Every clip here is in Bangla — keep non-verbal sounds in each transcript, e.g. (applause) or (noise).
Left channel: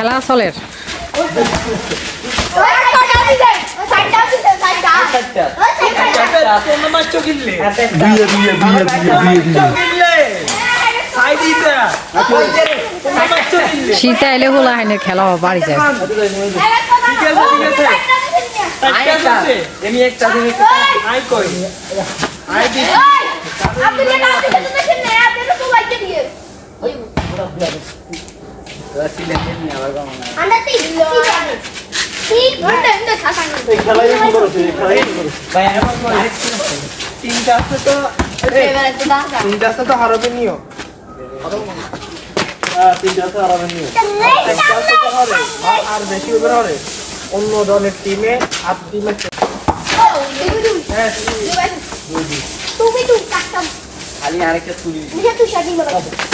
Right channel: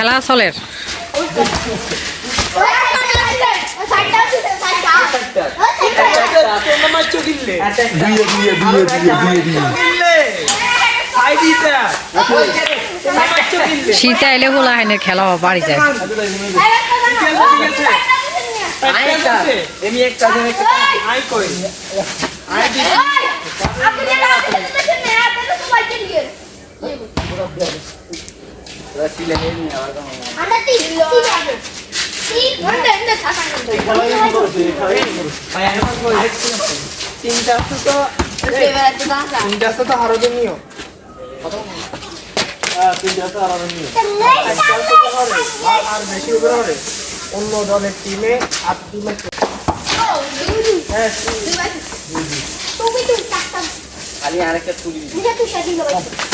খেলা চলের শীতে আইলে হোলা হাইনের খেলা বাড়ি যায় আই তো হারবে নিও আর আমি বেশি উপরে হবে অন্য দলের টিমে আর টিমে খালি আরেকটা তুলি তুই শাদি হবে কোনটা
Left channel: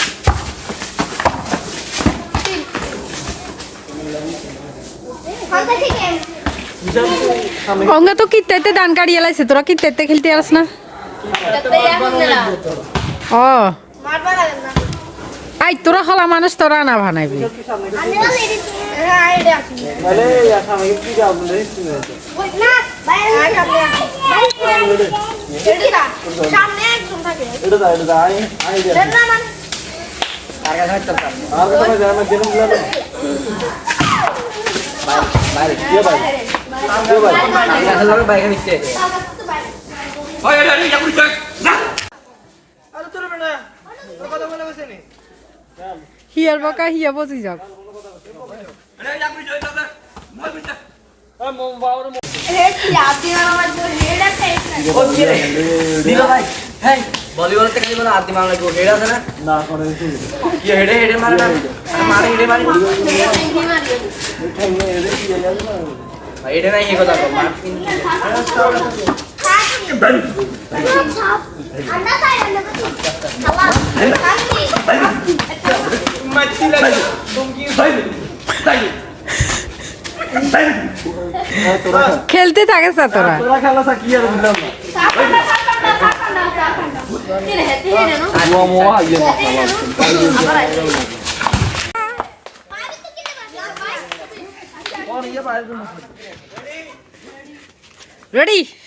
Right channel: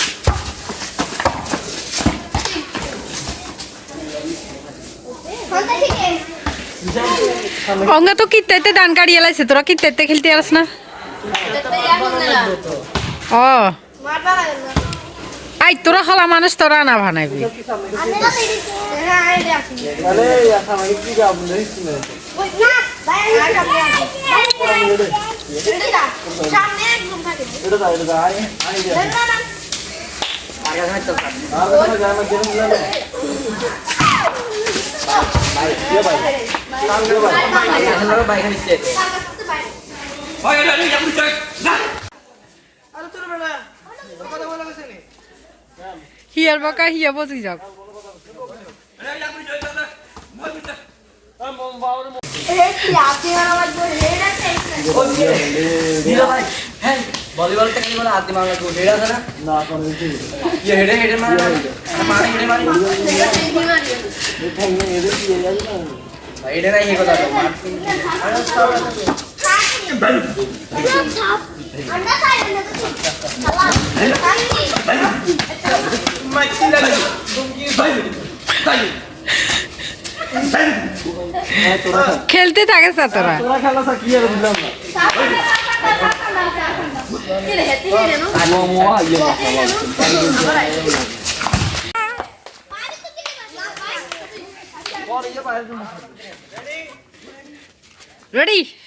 ঠিক আছে অঙ্গা, তো কিত্তাইতে দান কাড়িয়ে লাইছে তোরা কিত্তাইতে খেলতে আসস না? ও। আই, তোরা খালা মানুষ, তোরা না বাইরে সামনে মানে হিয়ার বকা হিয়া বসি আছে দিলো হ্যাঁ ভলিবল থেকে বলে আদি মারা লাগবে হেড আছে না? না কোন কি হেডে হেডে মারে না? মারে হেডে। মারে হেডে কি লাগে না নাই খেলতে থাকে তোরা। তোরা খেলা কি আর বুঝলাম না। mua mua dừng Ready? Hãy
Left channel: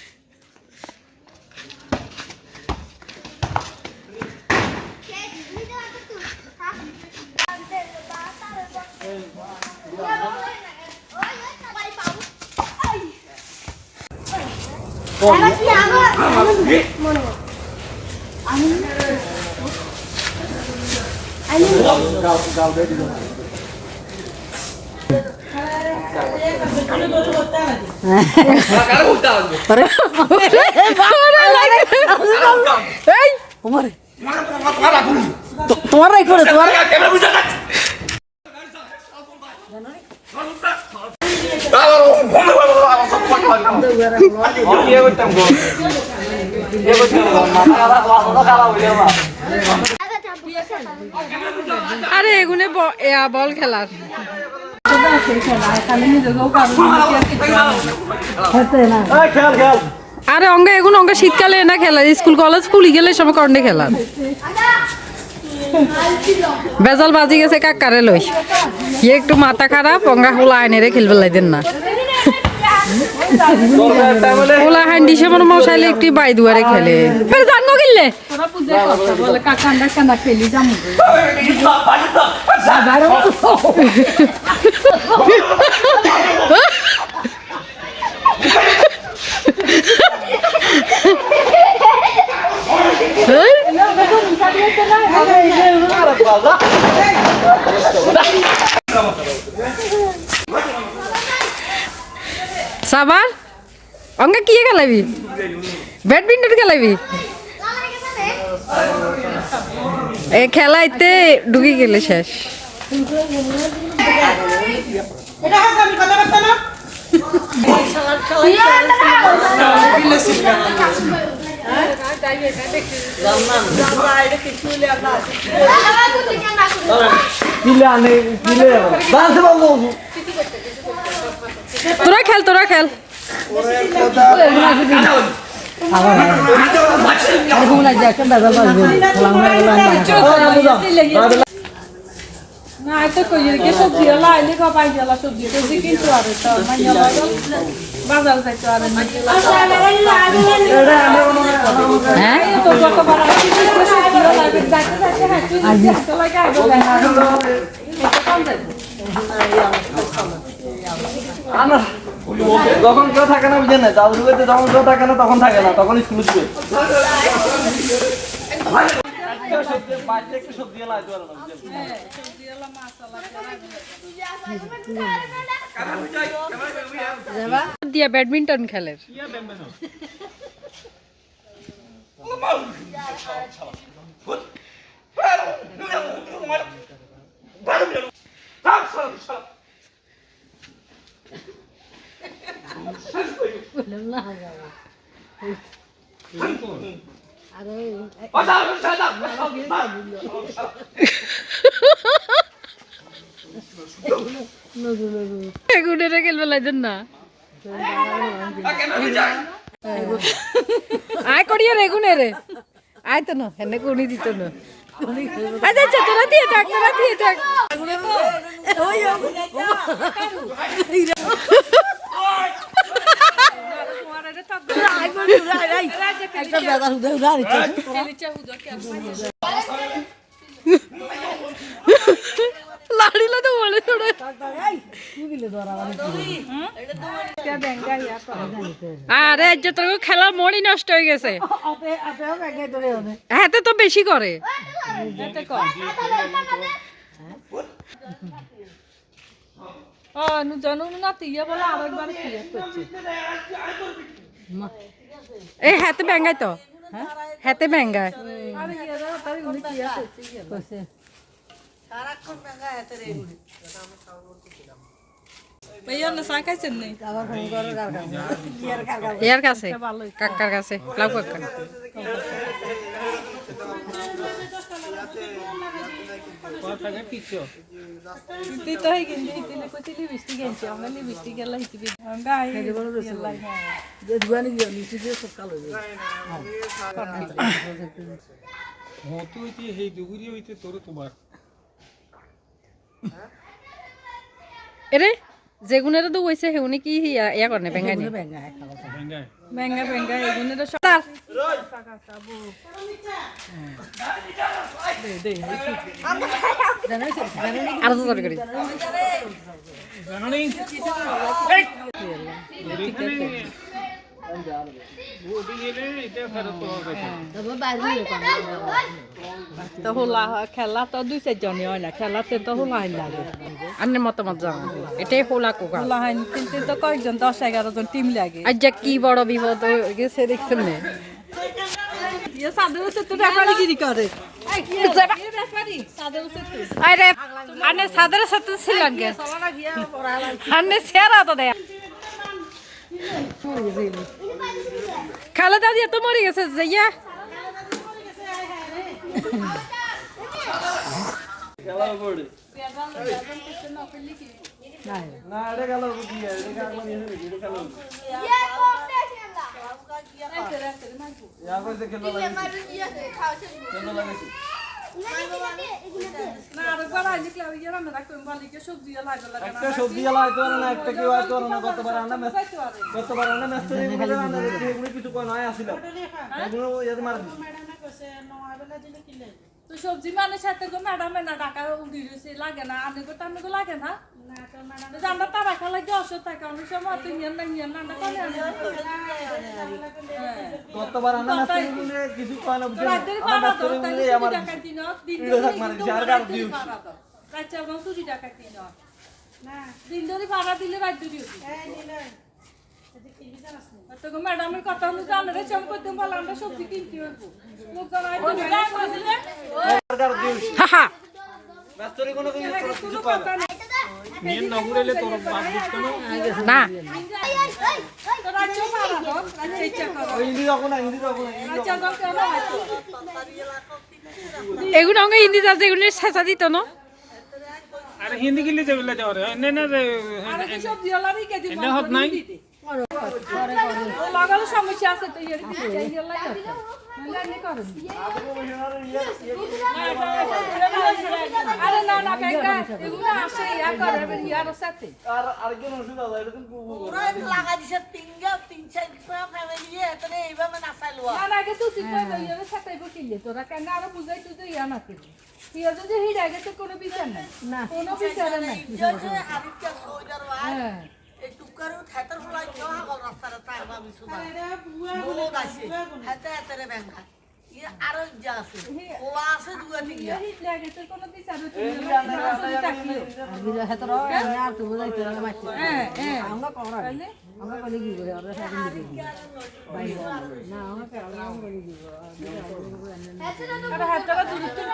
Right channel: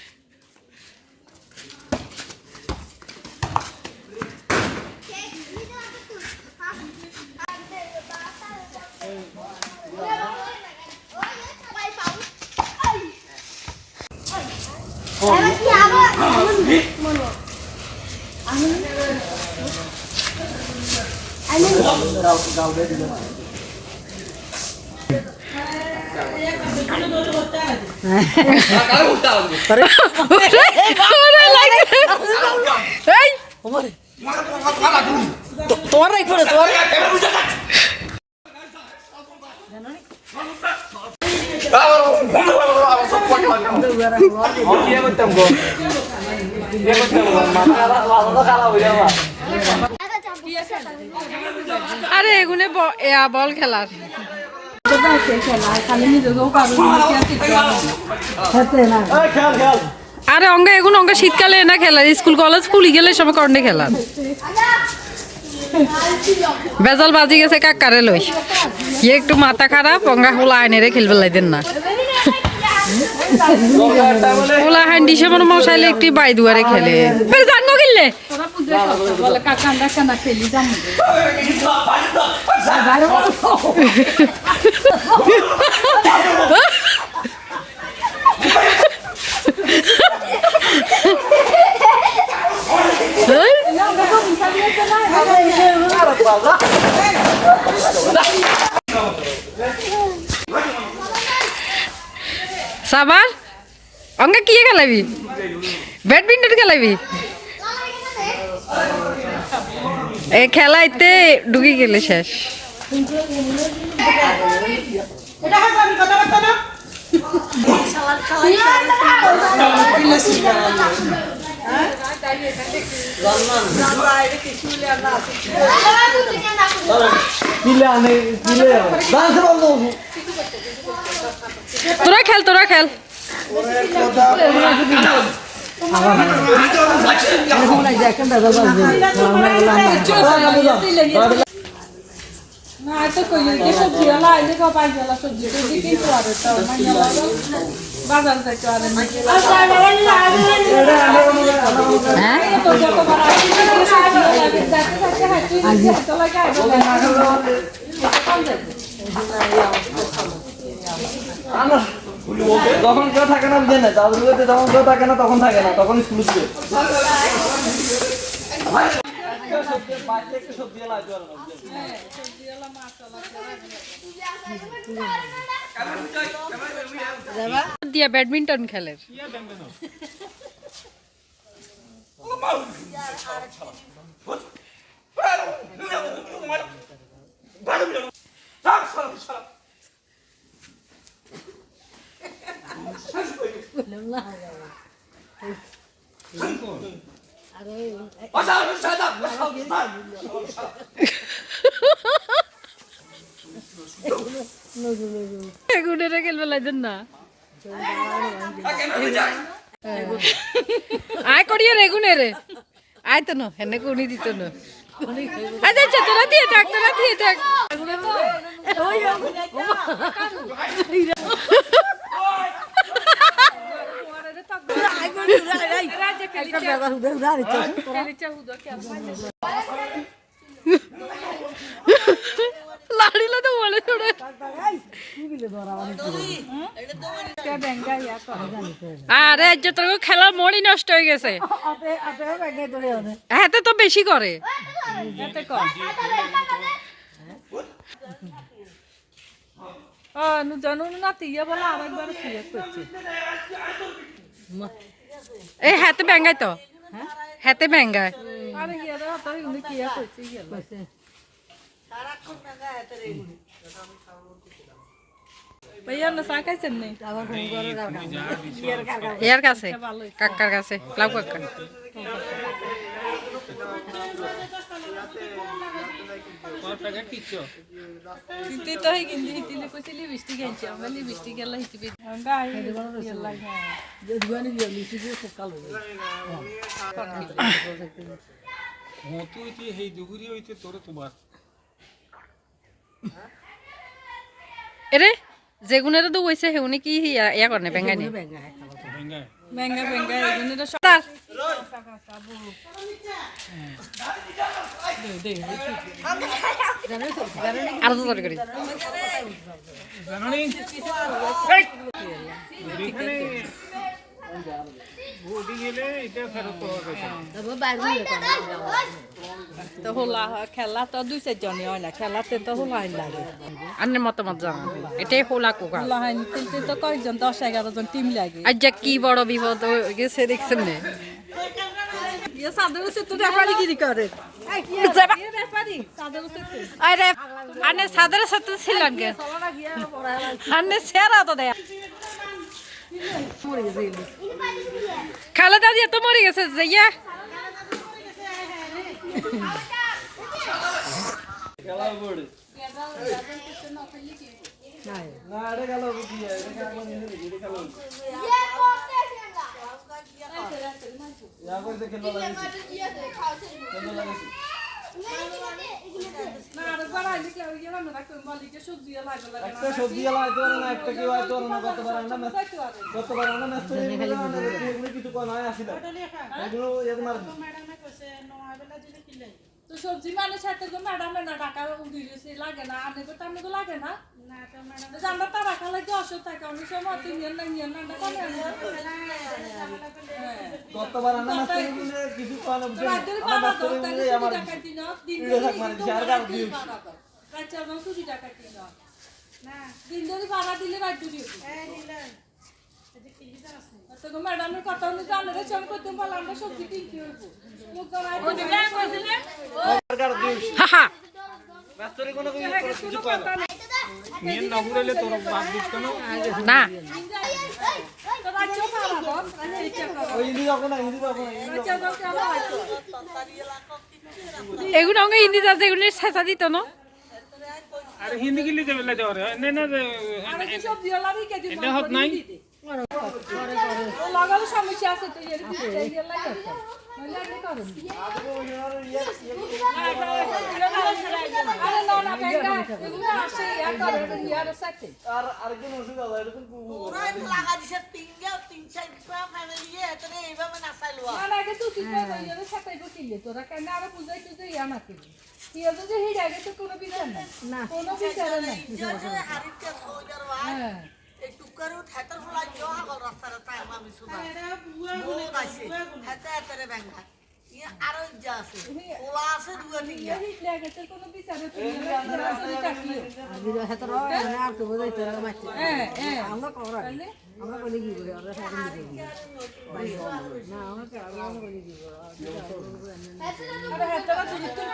subscribe cho kênh Ghiền Mì Gõ Để không bỏ lỡ những video hấp dẫn তোমার রাই করে তোমার और আরে এগুনে বল খেলার। আরে অঙ্গে, এগুন অঙ্গে শীতকালে না খেলার স্কুল, কলেজ খুলি গেলে সব কর্ণে খেলার বেজাল বাজি গেছে কাকারে লই? ইয়ে একটু মাথা খারাপ, অঙ্গা হোলা আইনে রে খেলবে লাইদেন না। হোলা হাইন দিছে মানে মশাইলে একটু বাই দুয়ারে খেলে জানব কিনলে? সাবার অঙ্গা কি খেলাবি ব্যাডমিন্টন খেলাবি? এ খেলাইতে ঢুকে গেলে শেষ। দিলে আনে, দিলে বাড়তে পারব। তোরা খেল তোরা খেল। না এত কই যে সবজি আলা আইলে কো পাই গেল সবজি। কিন্তু আর তো মাইয়া লাগল বাজার যাইতো আর না হ্যাঁ? এত যতবার আসি সবজি আলা যাইতে যাইতে হাঁটু যাইতে লাগে আইবো আনো। যখন কেউ থাকে না বুঝে না দাদু বাড়িতে যখন কেউ থাকে না তখন থাকে না তখন স্কুল বুঝছেন? দিয়া ব্যাডমিন্টন খেলের খেলবে লাগছেন না। আয় করিও রে গুনে রে। আয় তো হেনে কোনি দিত না। আচ্ছা আচ্ছা তোরা দিয়ে থাক তোরা দিয়ে থাক। (laughs) (laughs) লাড়িলে তো বলে তোরা আরে যে তোর খেলার মনই নষ্ট হয়ে গেছে। হাতে তো বেশি করে। এই হাতে ব্যাঙ্গাই তো। হাতে ব্যাঙ্গায় ইয়ার কাছে কাকার কাছে লাউ কাকা মতো হইতে সেই দুগুরি হইতে তোর তোমার এরে যেগুনের তো হইছে সেগুনে কি ইয়া ইয়া করে ব্যাঙ্গাই নে তো পাওয়া গেছে তো হোলা খেলা তো দুই চারজনই হয় না খেলাতে তো হোলা হয় লাগে আন্নের মতামত জানা এটাই হোলা কোকা হোলা হয় খেলতে তো কয়েকজন দশ এগারো জন টিম লাগে। আজ যা কি বড় বিপদ হয়ে গেছে দেখছেন নে? ইয়ে সত্য আরে আনে সাদের সাথে ছিলেন কে আনে সেরা তো দেয়। খালেদা দিয়ে তো মরে গেছে যে ইয়া খেলা একটা সবজি লাগাইতে পারে না একটা কেউ আইতে পারে না গতবার আনা ম্যাচ গতবার আনা ম্যাচ তো এগুলো আনা এগুলো কিছু কয় নয় আসিল এগুলো ইয়াদ মারা দিছে ম্যাডামে কইছে নয় বেলা দিলে কি লাগবে তো সবজি মানে সাথে গো ম্যাডাম না টাকা উড়ি রয়েছে লাগে না? আনে গো টানে গো লাগে না? না তো ম্যাডাম জানা তার রাখা লাগে অসুখ থাকে? অনেক সময় তুই নিয়ে না নিয়ে না কোনে আনে কতবার আন্না মেস করে কিছু কয় না করে আমার দিন টাকা দিন না। দিন ধরে ভাড়া দিলে রাজ্য দিও তো গো ম্যাডামের কথা হলো জানে রে সব করতে বল আমরা সবজি কিনতে হইব। লোক জানাই তো সরকার দিউস হাহা মেস করে কোনো কিছু কয় না। মেন নগরেলে তোর বাপ বুঝ না। তো রাজ্য ভাড়া দাও রাজ্য ইচ্ছা করো হিন্দি রাখো না হিন্দি রাখো না শেষা দিত না। আরে হিন্দি গিলি যাবে যাও রে না না রে আরে কি ওলা রিকে দিব হত নাই? লাগালে সমস্যা আছে তো এর ভিতরে এই লাগে নাহলে এমনি করেন আরে না না কাকা এগুলো আসে ইয়া করে ইয়ার সাথে। আর আরেকজন ওষুধ আছে এটা তুমি লাগা দিছে তিনজন তিন চার ফ্যামিলি এখানে এইভাবে নাচাইলো না না আগে তুই তো ইয়ার সাথে বকিলে তোরা কেন আর বুঝাই তুই ইয়া না করবি ইয়া তো হিড়া গেছে কোনো বিচার নাই? না কোনো বিচার নাই হ্যাঁ। থেতর ফুলাই জহা গল রাস্তারে তার আমি শুনা বহুত আছে হেতে হেতে ব্যাংকা ইয়ে আরও যা আছে ওলা আছে দুয়া তিন ইয়া গেছে কোনো বিচার তুই তাকিও হ্যাঁ হ্যাঁ আমরা করা আরে হাতটা দূর করে